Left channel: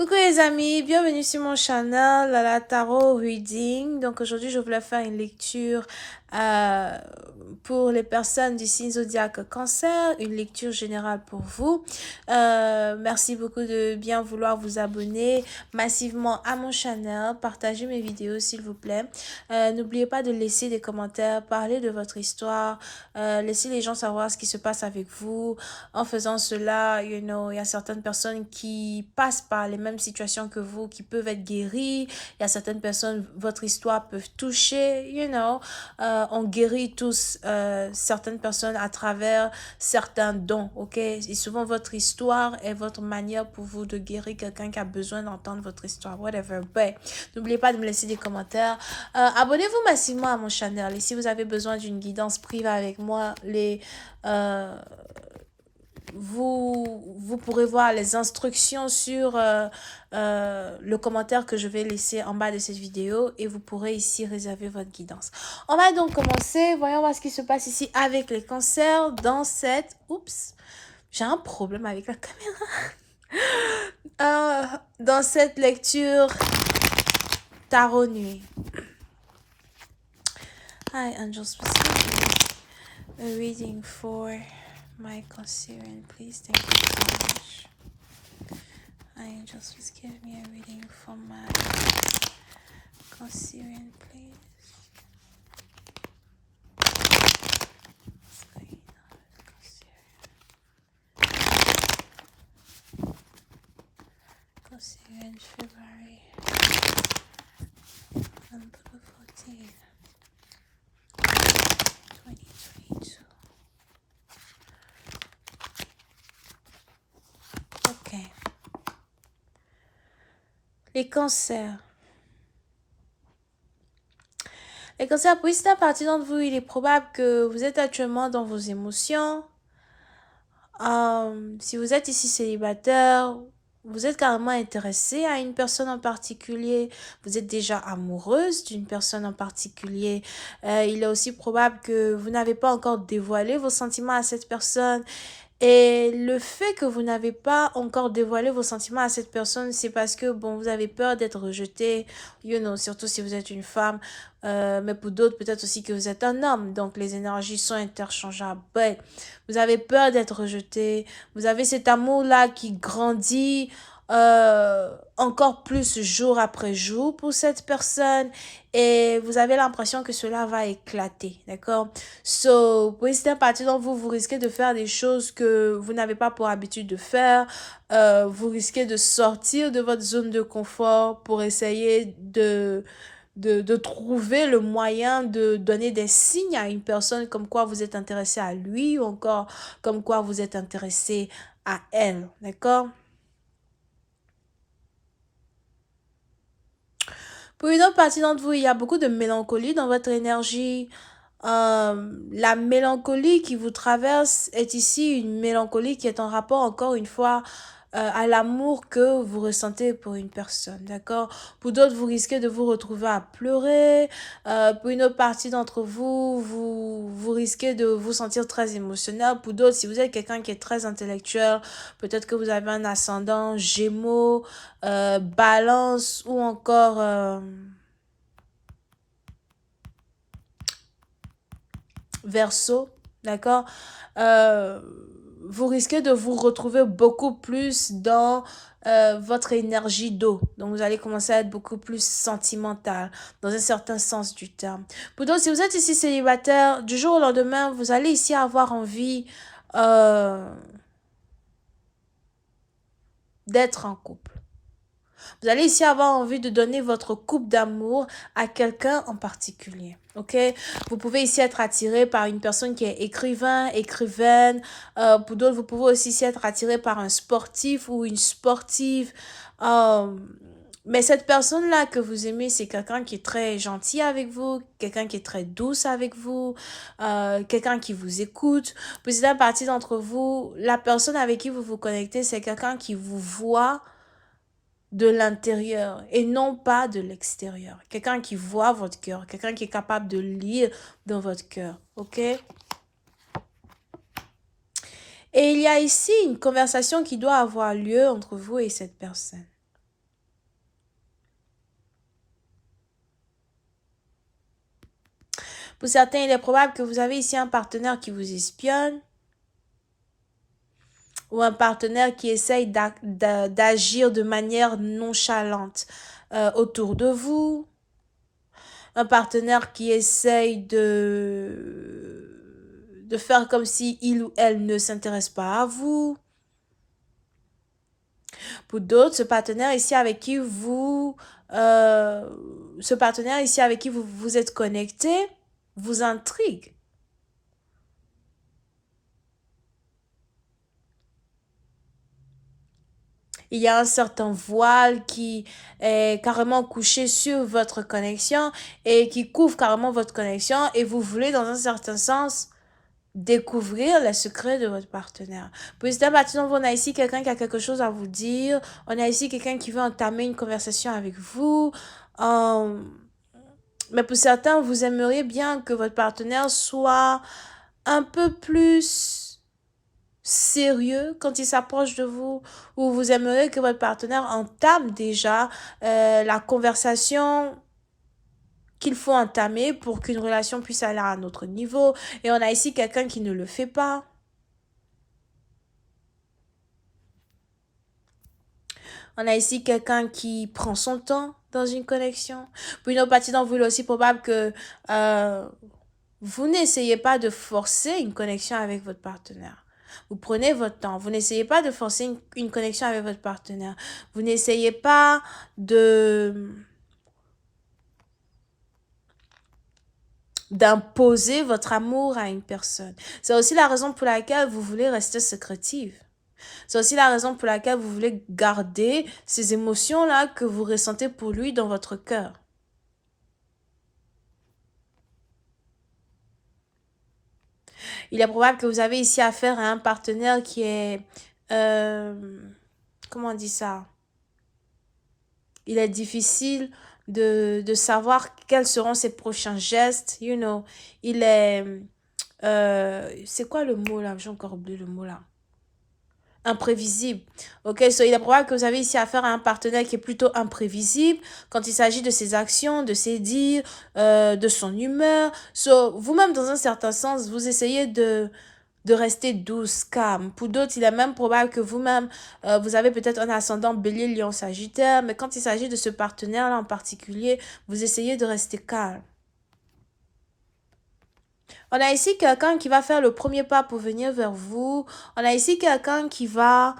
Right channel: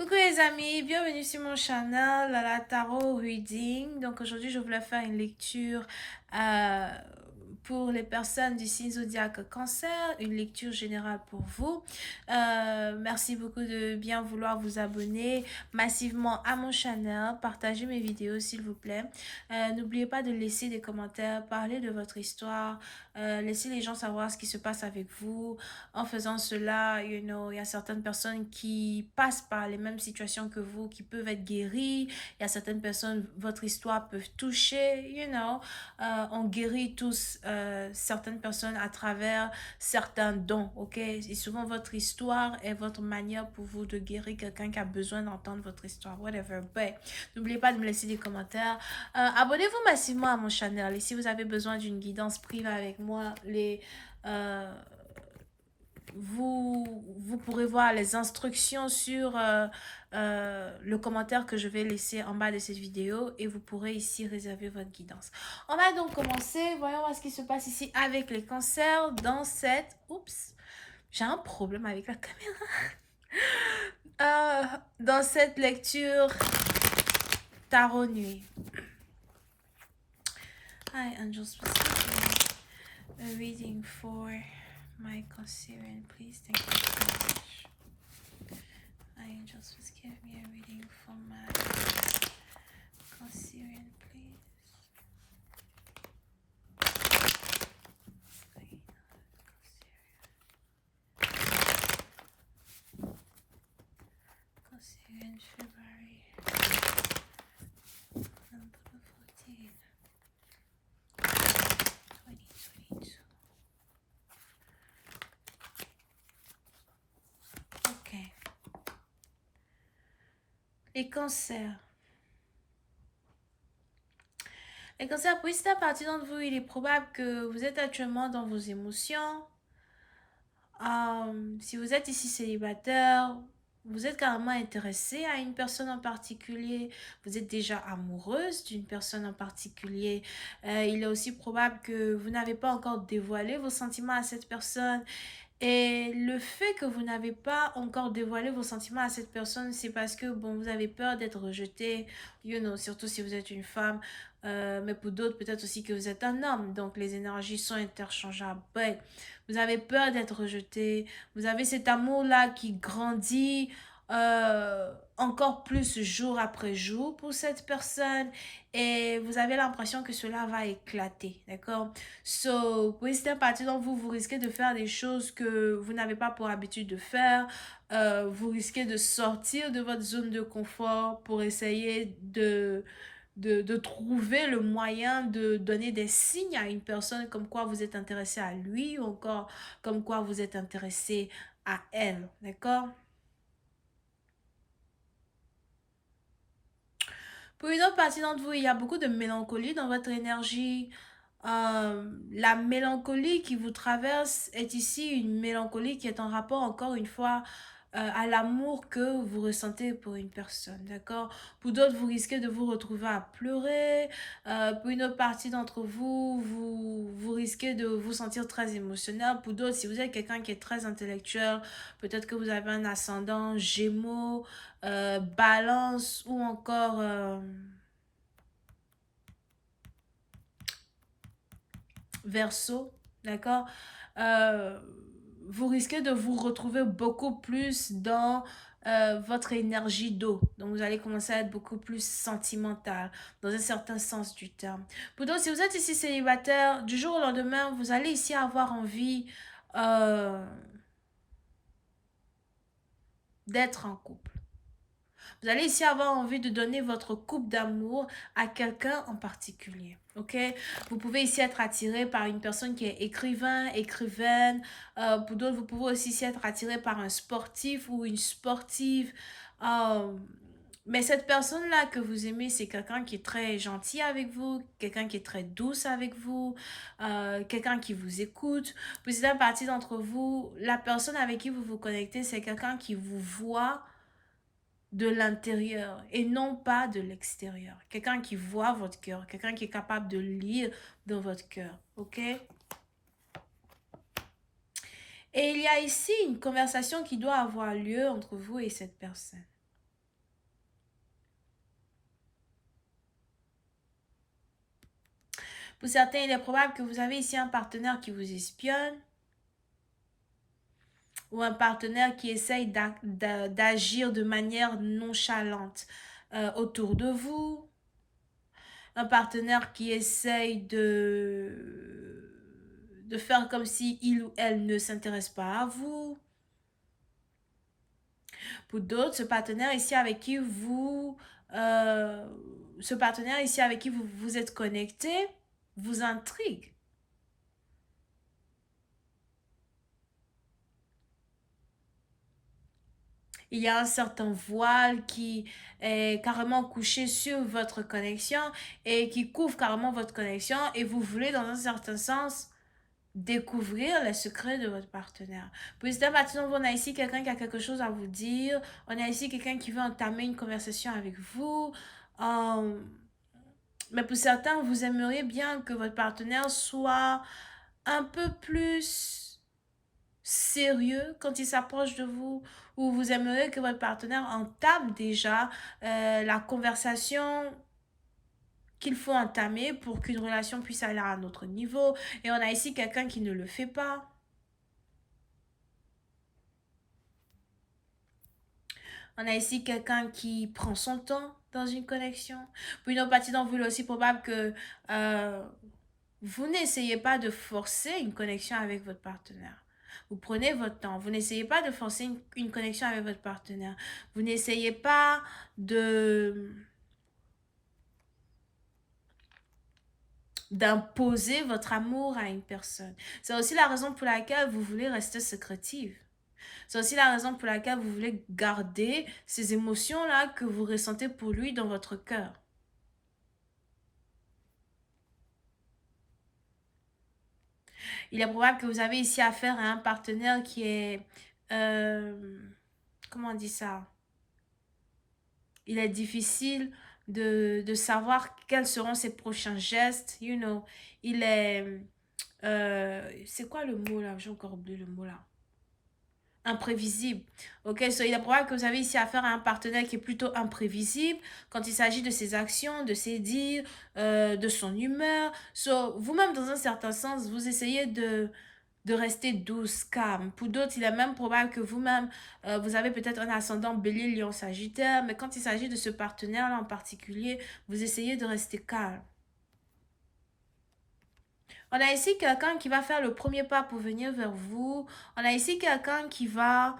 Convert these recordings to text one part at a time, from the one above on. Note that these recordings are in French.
Coucou les amis, bienvenue sur mon channel la Tarot Reading. Donc aujourd'hui je voulais faire une lecture euh, pour les personnes du signe zodiaque Cancer, une lecture générale pour vous. Merci beaucoup de bien vouloir vous abonner massivement à mon channel, partagez mes vidéos s'il vous plaît. N'oubliez pas de laisser des commentaires, parler de votre histoire, laissez les gens savoir ce qui se passe avec vous. En faisant cela, il y a certaines personnes qui passent par les mêmes situations que vous, qui peuvent être guéries. Il y a certaines personnes, votre histoire peut toucher, on guérit tous certaines personnes à travers certains dons, ok? Et souvent, votre histoire est votre manière pour vous de guérir quelqu'un qui a besoin d'entendre votre histoire, whatever. But, n'oubliez pas de me laisser des commentaires. Abonnez-vous massivement à mon channel. Et si vous avez besoin d'une guidance privée avec moi, vous pourrez voir les instructions sur le commentaire que je vais laisser en bas de cette vidéo et vous pourrez ici réserver votre guidance. On va donc commencer. Voyons voir ce qui se passe ici avec les cancers dans cette... Oups, j'ai un problème avec la caméra. Dans cette lecture tarot nuit. Hi angels, please give me a reading for my Cancerian, please. Thank you so much. Hi angels, please give me a reading for my Cancerian, please. What's going on with Cancerian? Cancerian, February, November 14th, 2022. Ok. Les cancers. Les cancers, pour certaines partie d'entre vous, il est probable que vous êtes actuellement dans vos émotions. Si vous êtes ici célibataire, vous êtes carrément intéressé à une personne en particulier, vous êtes déjà amoureuse d'une personne en particulier. Il est aussi probable que vous n'avez pas encore dévoilé vos sentiments à cette personne. Et le fait que vous n'avez pas encore dévoilé vos sentiments à cette personne, c'est parce que, bon, vous avez peur d'être rejeté, surtout si vous êtes une femme, mais pour d'autres, peut-être aussi que vous êtes un homme, donc les énergies sont interchangeables. Ouais. Vous avez peur d'être rejeté, vous avez cet amour-là qui grandit encore plus jour après jour pour cette personne, et vous avez l'impression que cela va éclater, d'accord? So, pour certaines parties d'entre vous, vous risquez de faire des choses que vous n'avez pas pour habitude de faire. Vous risquez de sortir de votre zone de confort pour essayer de trouver le moyen de donner des signes à une personne comme quoi vous êtes intéressé à lui ou encore comme quoi vous êtes intéressé à elle, d'accord? Pour une autre partie d'entre vous, il y a beaucoup de mélancolie dans votre énergie. La mélancolie qui vous traverse est ici une mélancolie qui est en rapport, encore une fois, à l'amour que vous ressentez pour une personne, d'accord? Pour d'autres, vous risquez de vous retrouver à pleurer. Pour une autre partie d'entre vous, vous risquez de vous sentir très émotionnel. Pour d'autres, si vous êtes quelqu'un qui est très intellectuel, peut-être que vous avez un ascendant Gémeaux, Balance ou encore... Verseau, d'accord? Euh, Vous risquez de vous retrouver beaucoup plus dans votre énergie d'eau. Donc, vous allez commencer à être beaucoup plus sentimental, dans un certain sens du terme. Pour d'autres, si vous êtes ici célibataire, du jour au lendemain, vous allez ici avoir envie euh, d'être en couple. Vous allez ici avoir envie de donner votre coupe d'amour à quelqu'un en particulier. Ok? Vous pouvez ici être attiré par une personne qui est écrivain, écrivaine. Pour d'autres, vous pouvez aussi ici être attiré par un sportif ou une sportive. Mais cette personne-là que vous aimez, c'est quelqu'un qui est très gentil avec vous, quelqu'un qui est très douce avec vous, quelqu'un qui vous écoute. Pour certaines parties d'entre vous, la personne avec qui vous vous connectez, c'est quelqu'un qui vous voit de l'intérieur et non pas de l'extérieur. Quelqu'un qui voit votre cœur, quelqu'un qui est capable de lire dans votre cœur, ok? Et il y a ici une conversation qui doit avoir lieu entre vous et cette personne. Pour certains, il est probable que vous avez ici un partenaire qui vous espionne ou un partenaire qui essaye d'agir de manière nonchalante autour de vous. Un partenaire qui essaye de faire comme si il ou elle ne s'intéresse pas à vous. Pour d'autres, ce partenaire ici avec qui vous vous êtes connecté vous intrigue. Il y a un certain voile qui est carrément couché sur votre connexion et qui couvre carrément votre connexion et vous voulez dans un certain sens découvrir les secrets de votre partenaire. Pour certains partenaires, on a ici quelqu'un qui a quelque chose à vous dire. On a ici quelqu'un qui veut entamer une conversation avec vous. Mais pour certains, vous aimeriez bien que votre partenaire soit un peu plus sérieux quand il s'approche de vous, ou vous aimeriez que votre partenaire entame déjà la conversation qu'il faut entamer pour qu'une relation puisse aller à un autre niveau. Et on a ici quelqu'un qui ne le fait pas. On a ici quelqu'un qui prend son temps dans une connexion. Pour une autre partie d'entre vous, il est aussi probable que vous n'essayez pas de forcer une connexion avec votre partenaire. Vous prenez votre temps. Vous n'essayez pas de forcer une connexion avec votre partenaire. Vous n'essayez pas d'imposer votre amour à une personne. C'est aussi la raison pour laquelle vous voulez rester secrétive. C'est aussi la raison pour laquelle vous voulez garder ces émotions-là que vous ressentez pour lui dans votre cœur. Il est probable que vous avez ici affaire à un partenaire qui est... comment on dit ça? Il est difficile de savoir quels seront ses prochains gestes. You know, il est... c'est quoi le mot là? J'ai encore oublié le mot là. Imprévisible. Ok, so il est probable que vous avez ici affaire à un partenaire qui est plutôt imprévisible quand il s'agit de ses actions, de ses dires, de son humeur. So, vous-même, dans un certain sens, vous essayez de rester douce, calme. Pour d'autres, il est même probable que vous-même, vous avez peut-être un ascendant bélier, lion, sagittaire, mais quand il s'agit de ce partenaire-là en particulier, vous essayez de rester calme. On a ici quelqu'un qui va faire le premier pas pour venir vers vous. On a ici quelqu'un qui va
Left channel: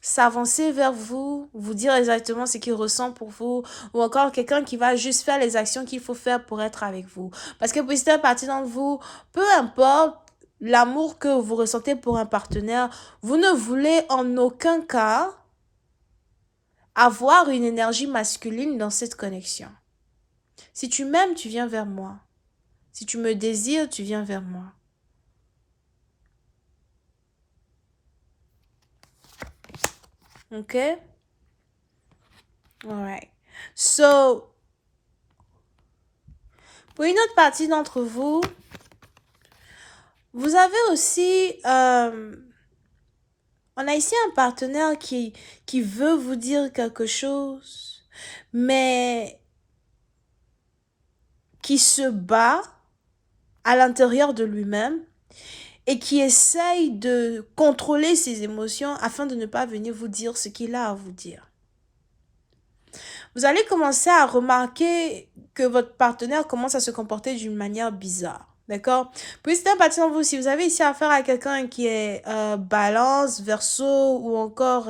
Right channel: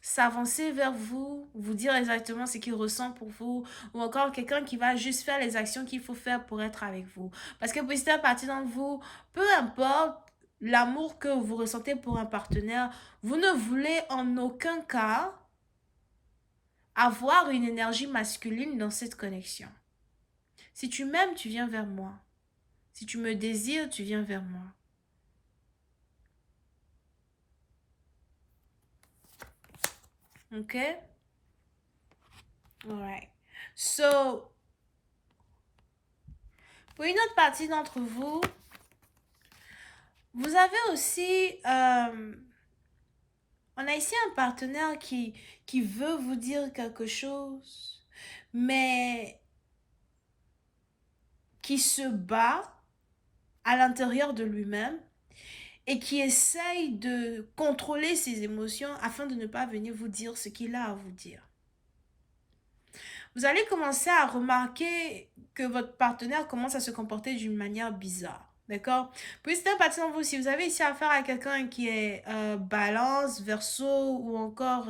s'avancer vers vous, vous dire exactement ce qu'il ressent pour vous, ou encore quelqu'un qui va juste faire les actions qu'il faut faire pour être avec vous. Parce que pour certaines parties d'entre vous, peu importe l'amour que vous ressentez pour un partenaire, vous ne voulez en aucun cas avoir une énergie masculine dans cette connexion. Si tu m'aimes, tu viens vers moi. Si tu me désires, tu viens vers moi. Ok? Alright. So, pour une autre partie d'entre vous, vous avez aussi... on a ici un partenaire qui veut vous dire quelque chose, mais qui se bat à l'intérieur de lui-même et qui essaye de contrôler ses émotions afin de ne pas venir vous dire ce qu'il a à vous dire. Vous allez commencer à remarquer que votre partenaire commence à se comporter d'une manière bizarre. D'accord? Puis c'est un parti dans vous. Si vous avez ici affaire à quelqu'un qui est balance, verseau ou encore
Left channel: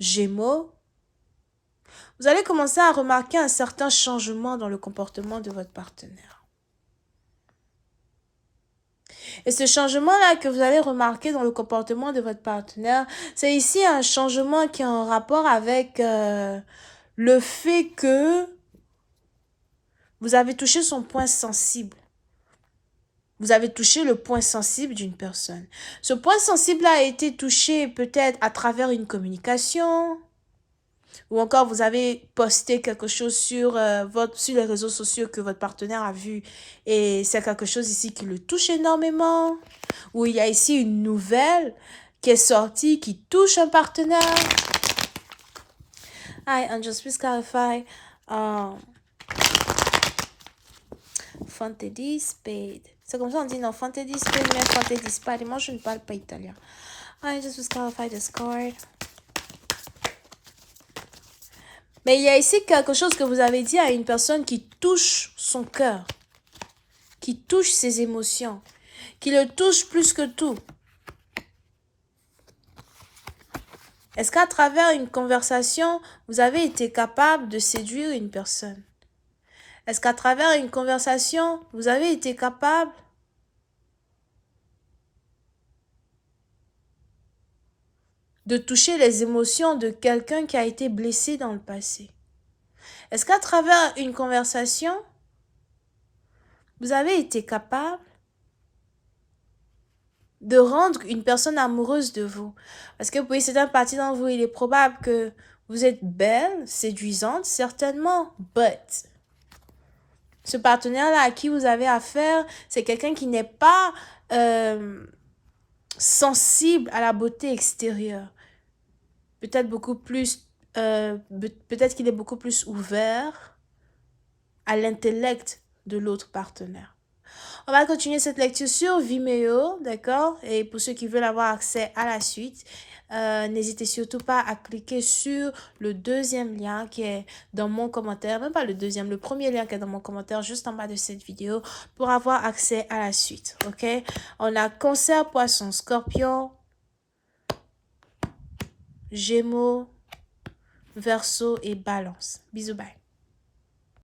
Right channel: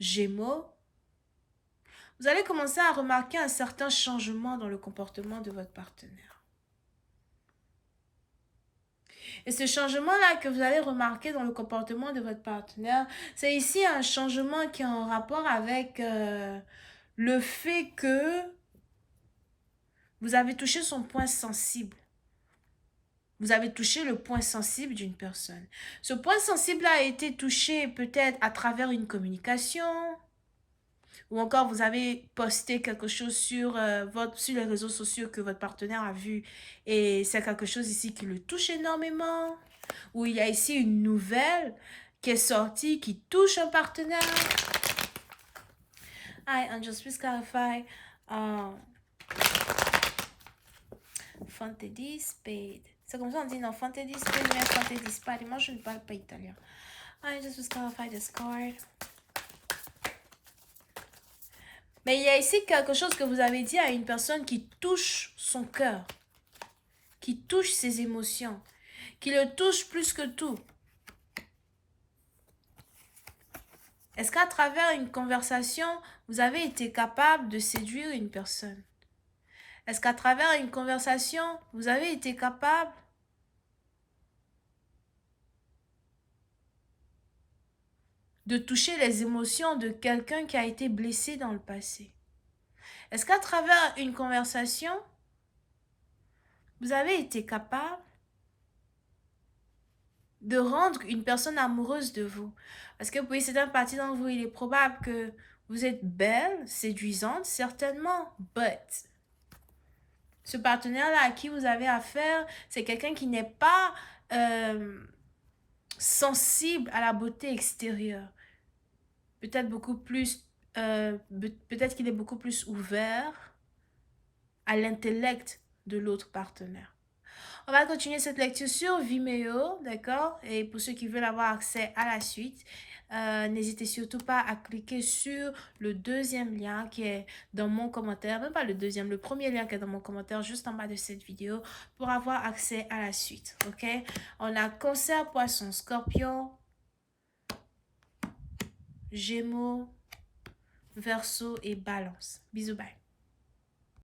gémeaux, vous allez commencer à remarquer un certain changement dans le comportement de votre partenaire. Et ce changement-là que vous allez remarquer dans le comportement de votre partenaire, c'est ici un changement qui est en rapport avec le fait que vous avez touché son point sensible. Vous avez touché le point sensible d'une personne. Ce point sensible a été touché peut-être à travers une communication, ou encore vous avez posté quelque chose sur les réseaux sociaux que votre partenaire a vu et c'est quelque chose ici qui le touche énormément, ou il y a ici une nouvelle qui est sortie qui touche un partenaire. Hi, Angels, please clarify. Euh, Fantasy Spade. C'est comme ça on dit non, Fantasy Spade, mais Fantasy Spade. Et moi, je ne parle pas italien. I just disqualify this card. Mais il y a ici quelque chose que vous avez dit à une personne qui touche son cœur, qui touche ses émotions, qui le touche plus que tout. Est-ce qu'à travers une conversation, vous avez été capable de séduire une personne? Est-ce qu'à travers une conversation, vous avez été capable de toucher les émotions de quelqu'un qui a été blessé dans le passé? Est-ce qu'à travers une conversation, vous avez été capable de rendre une personne amoureuse de vous? Parce que pour certaines parties d'entre vous, il est probable que vous êtes belle, séduisante, certainement, but ce partenaire-là à qui vous avez affaire, c'est quelqu'un qui n'est pas sensible à la beauté extérieure. Peut-être beaucoup plus, peut-être qu'il est beaucoup plus ouvert à l'intellect de l'autre partenaire. On va continuer cette lecture sur Vimeo, d'accord? Et pour ceux qui veulent avoir accès à la suite, n'hésitez surtout pas à cliquer sur le deuxième lien qui est dans mon commentaire, même pas le deuxième, le premier lien qui est dans mon commentaire juste en bas de cette vidéo pour avoir accès à la suite, ok? On a Cancer, Poisson, Scorpion, Gémeaux, Verseau et Balance. Bisous, bye.